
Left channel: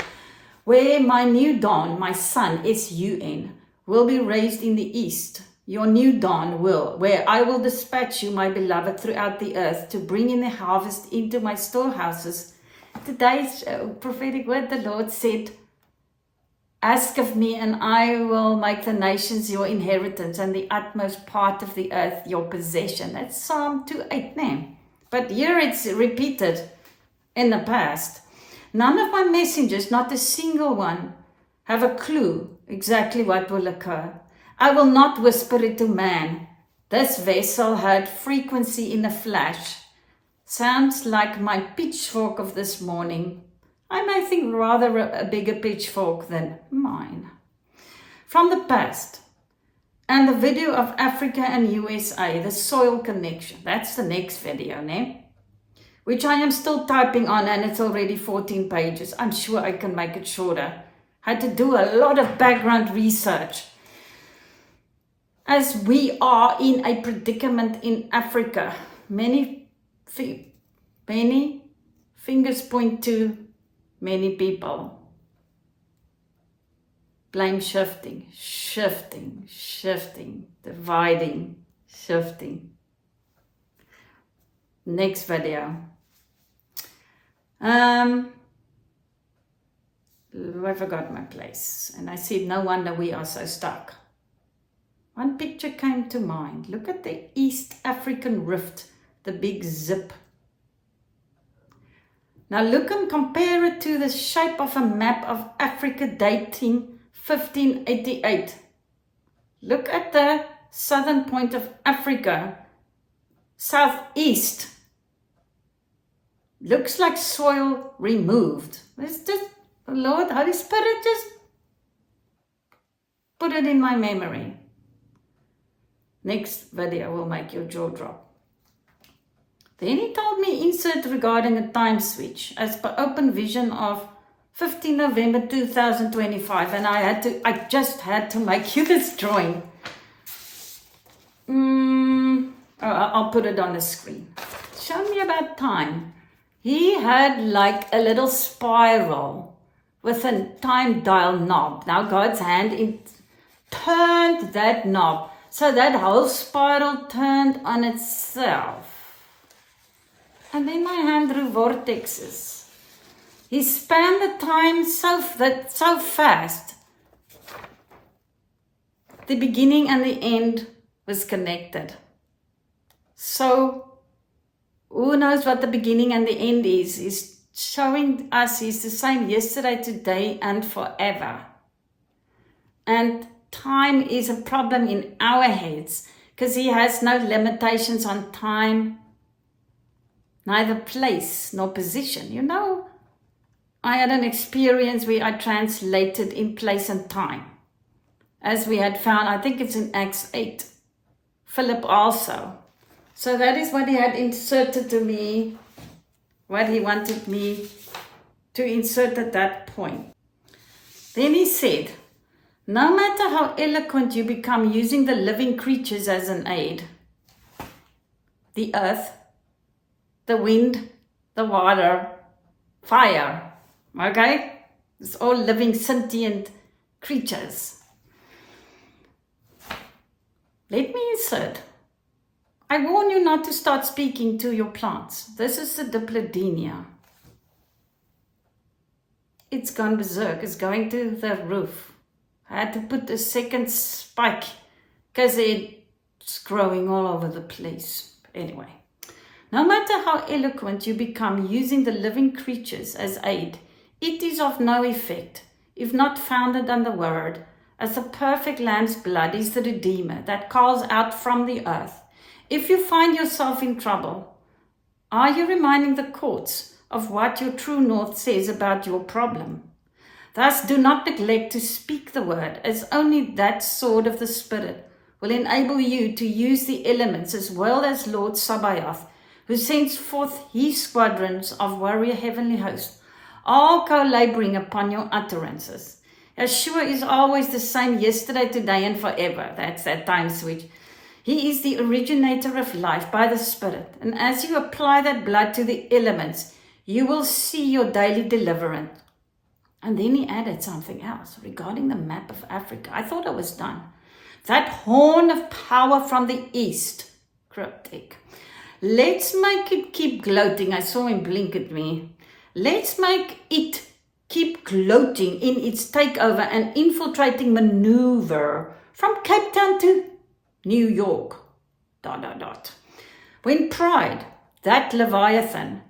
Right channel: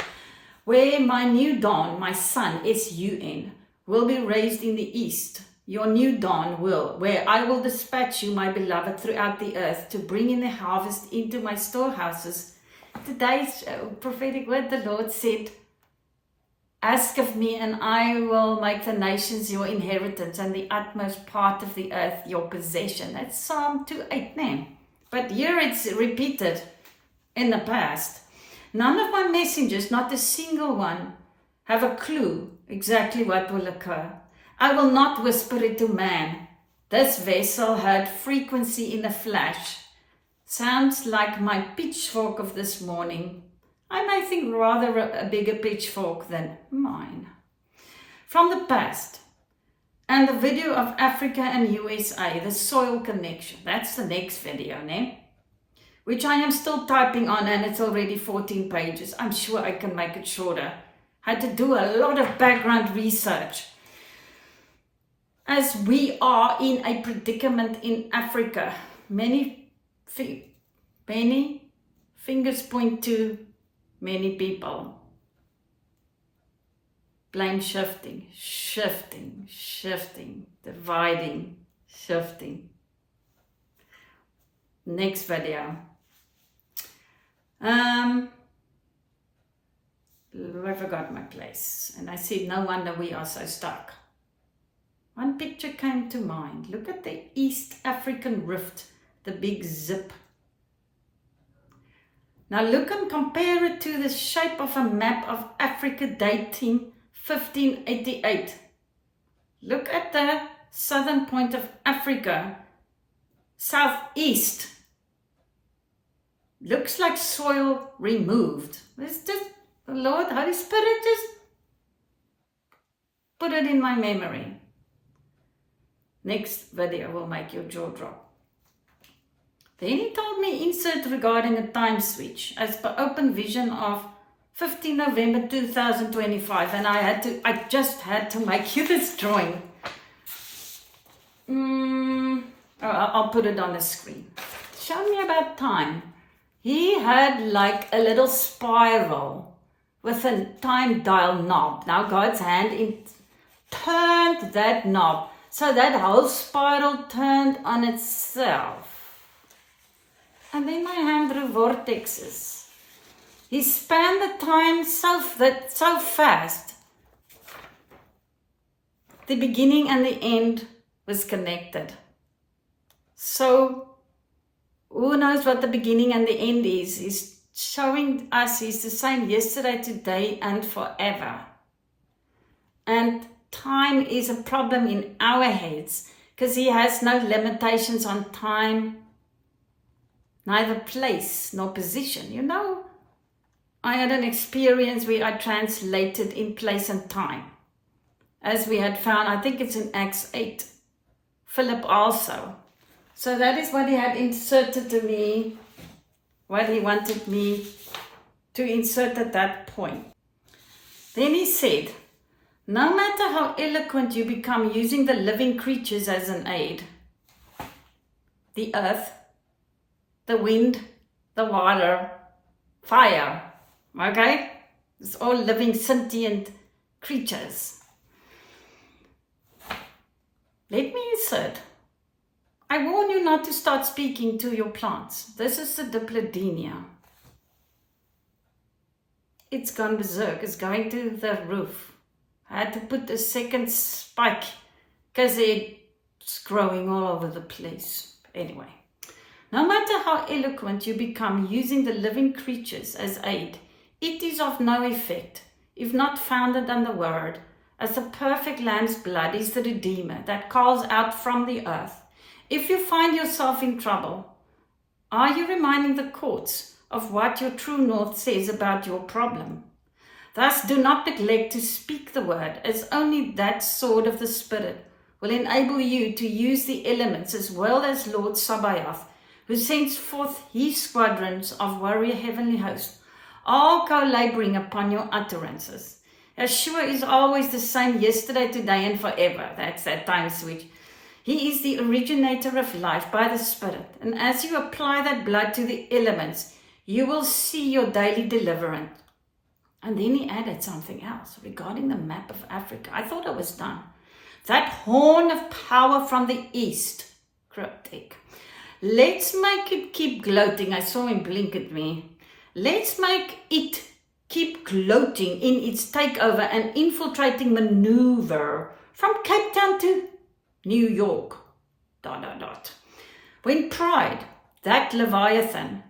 Where my new dawn, my son, S-U-N, will be raised in the east. Your new dawn will, where I will dispatch you, my beloved, throughout the earth to bring in the harvest into my storehouses. Today's prophetic word, the Lord said, ask of me, and I will make the nations your inheritance and the utmost part of the earth your possession. That's Psalm 2:8, name. But here it's repeated in the past. None of my messengers, not a single one, have a clue exactly what will occur. I will not whisper it to man. This vessel heard frequency in a flash. Sounds like my pitchfork of this morning. I may think rather a bigger pitchfork than mine. From the past, and the video of Africa and USA, the soil connection. That's the next video, ne? Which I am still typing on, and it's already 14 pages. I'm sure I can make it shorter. Had to do a lot of background research. As we are in a predicament in Africa, many fingers point to many people. Blame shifting, dividing, shifting. Next video. I forgot my place, and I said, no wonder we are so stuck. One picture came to mind. Look at the East African rift, the big zip. Now look and compare it to the shape of a map of Africa dating 1588. Look at the southern point of Africa, southeast. Looks like soil removed. It's just, Lord, Holy Spirit, just put it in my memory. Next video will make your jaw drop. Then he told me insert regarding a time switch as per open vision of 15 November 2025, and I just had to make you this drawing. I'll put it on the screen. Show me about time. He had like a little spiral with a time dial knob. Now God's hand turned that knob. So that whole spiral turned on itself. And then my hand drew vortexes. He spanned the time so fast. The beginning and the end was connected. So who knows what the beginning and the end is? He's showing us he's the same yesterday, today, and forever. And time is a problem in our heads because he has no limitations on time, neither place nor position. You know, I had an experience where I translated in place and time, as we had found, I think it's in Acts 8, Philip also. So that is what he had inserted to me, what he wanted me to insert at that point. Then he said, no matter how eloquent you become using the living creatures as an aid, the earth, the wind, the water, fire, okay? It's all living sentient creatures. Let me insert. I warn you not to start speaking to your plants. This is the diplodenia. It's gone berserk. It's going to the roof. I had to put a second spike because it's growing all over the place. Anyway, no matter how eloquent you become using the living creatures as aid, it is of no effect if not founded on the word, as the perfect lamb's blood is the redeemer that calls out from the earth. If you find yourself in trouble, are you reminding the courts of what your true north says about your problem? Thus, do not neglect to speak the word, as only that sword of the Spirit will enable you to use the elements as well as Lord Sabaoth, who sends forth his squadrons of warrior heavenly hosts, all co-laboring upon your utterances. Yeshua is always the same yesterday, today, and forever. That's that time switch. He is the originator of life by the Spirit. And as you apply that blood to the elements, you will see your daily deliverance. And then he added something else regarding the map of Africa. I thought I was done. That horn of power from the east. Cryptic. Let's make it keep gloating. I saw him blink at me. Let's make it keep gloating in its takeover and infiltrating maneuver from Cape Town to New York. ... When pride, that Leviathan,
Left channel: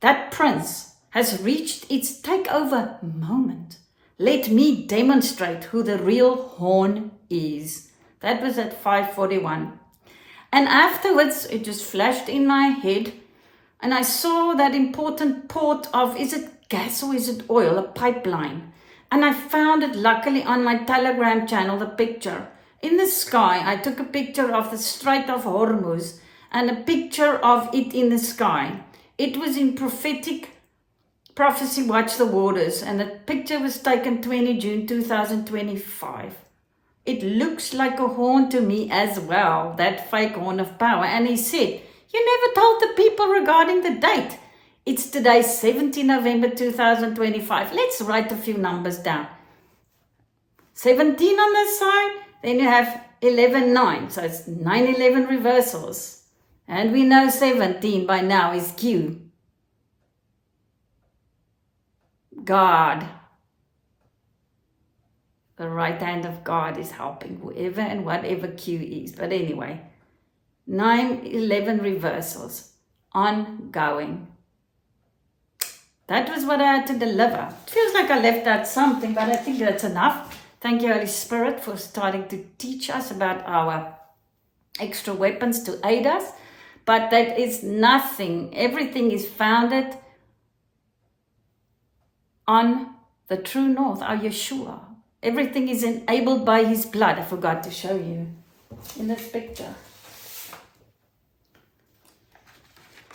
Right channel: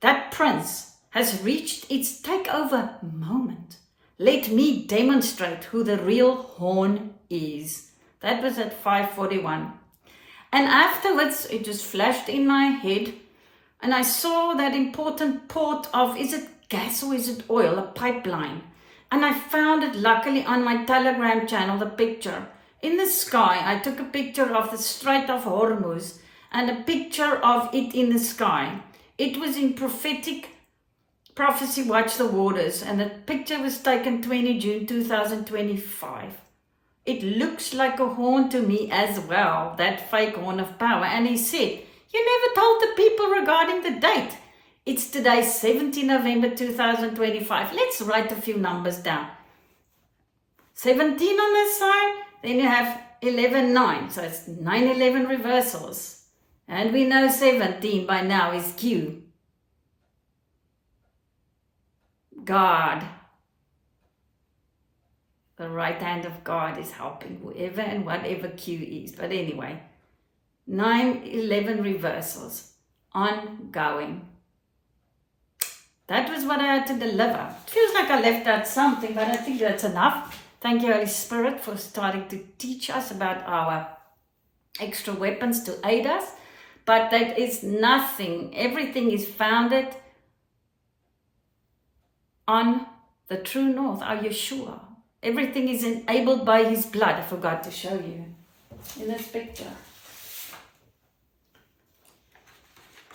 that prince, has reached its takeover moment, let me demonstrate who the real horn is. That was at 5:41. And afterwards, it just flashed in my head, and I saw that important port of, is it gas or is it oil, a pipeline. And I found it luckily on my Telegram channel, the picture. In the sky, I took a picture of the Strait of Hormuz and a picture of it in the sky. It was in Prophetic Prophecy Watch the Waters, and the picture was taken 20 June 2025. It looks like a horn to me as well, that fake horn of power. And he said, you never told the people regarding the date. It's today, 17 November 2025. Let's write a few numbers down. 17 on this side, then you have 11-9, so it's 9-11 reversals. And we know 17 by now is Q. God. The right hand of God is helping whoever and whatever Q is. But anyway, 9-11 reversals, ongoing. That was what I had to deliver. Feels like I left out something, but I think that's enough. Thank you, Holy Spirit, for starting to teach us about our extra weapons to aid us. But that is nothing. Everything is founded on the true north, our Yeshua. Everything is enabled by his blood. I forgot to show you in this picture.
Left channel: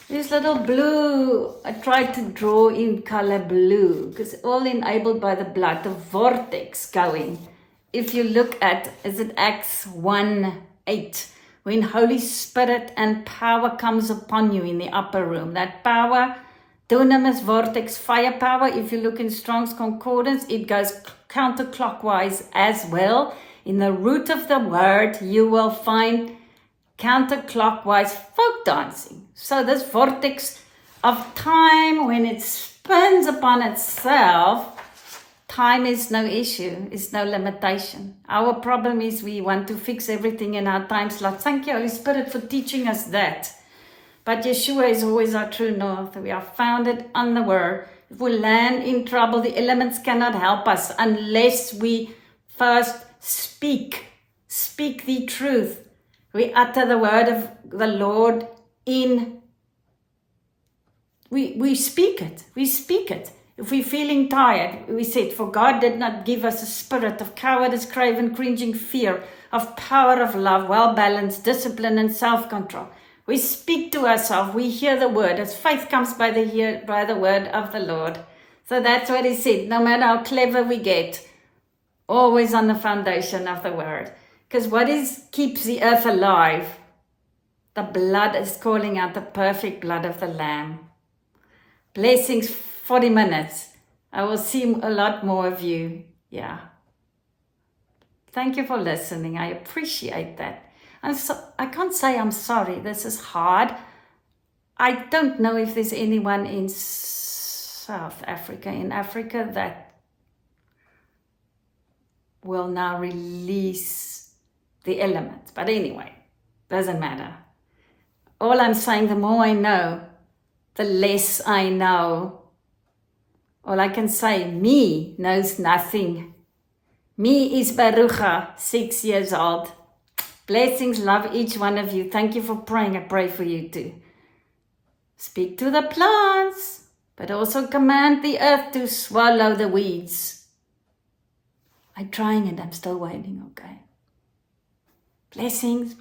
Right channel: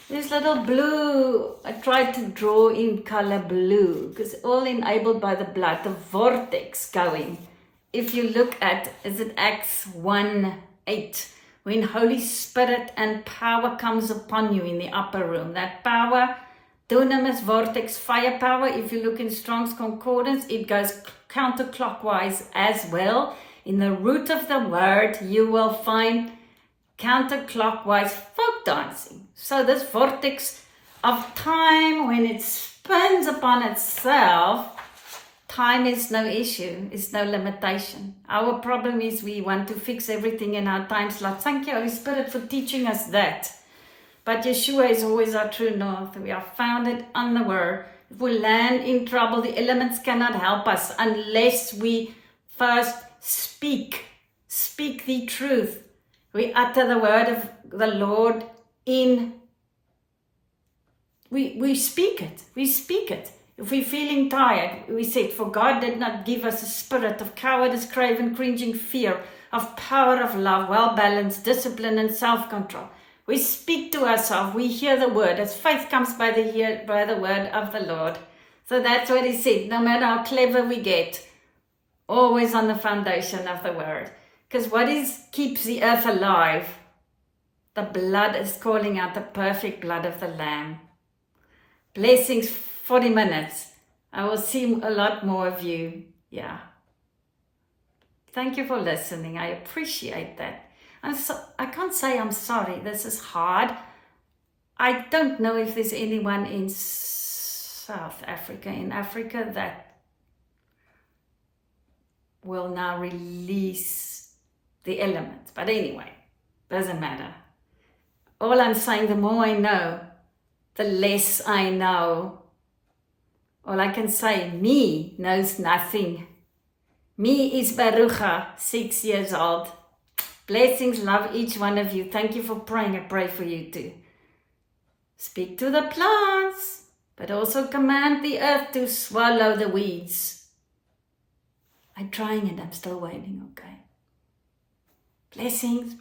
This little blue, I tried to draw in color blue because all enabled by the blood, the vortex going. If you look at, is it Acts 1:8, when Holy Spirit and power comes upon you in the upper room. That power, dunamis, vortex, firepower, if you look in Strong's Concordance, it goes counterclockwise as well. In the root of the word, you will find counterclockwise folk dancing. So this vortex of time, when it spins upon itself, time is no issue, it's no limitation. Our problem is we want to fix everything in our time slot. Thank you, Holy Spirit, for teaching us that. But Yeshua is always our true north. We are founded on the word. If we land in trouble, the elements cannot help us unless we first speak the truth. We utter the word of the Lord in, we speak it. If we're feeling tired, we said, for God did not give us a spirit of cowardice, craven, cringing fear, of power, of love, well-balanced, discipline, and self-control. We speak to ourselves, we hear the word, as faith comes by the word of the Lord. So that's what he said, no matter how clever we get, always on the foundation of the word. Because what keeps the earth alive? The blood is calling out the perfect blood of the Lamb. Blessings, 40 minutes. I will see a lot more of you. Yeah. Thank you for listening. I appreciate that. I can't say I'm sorry. This is hard. I don't know if there's anyone in South Africa, in Africa, that will now release the elements. But anyway, doesn't matter. All I'm saying, the more I know, the less I know. All I can say, me knows nothing. Me is Barucha, 6 years old. Blessings, love each one of you. Thank you for praying. I pray for you too. Speak to the plants, but also command the earth to swallow the weeds. I'm trying and I'm still waiting, okay? Blessings.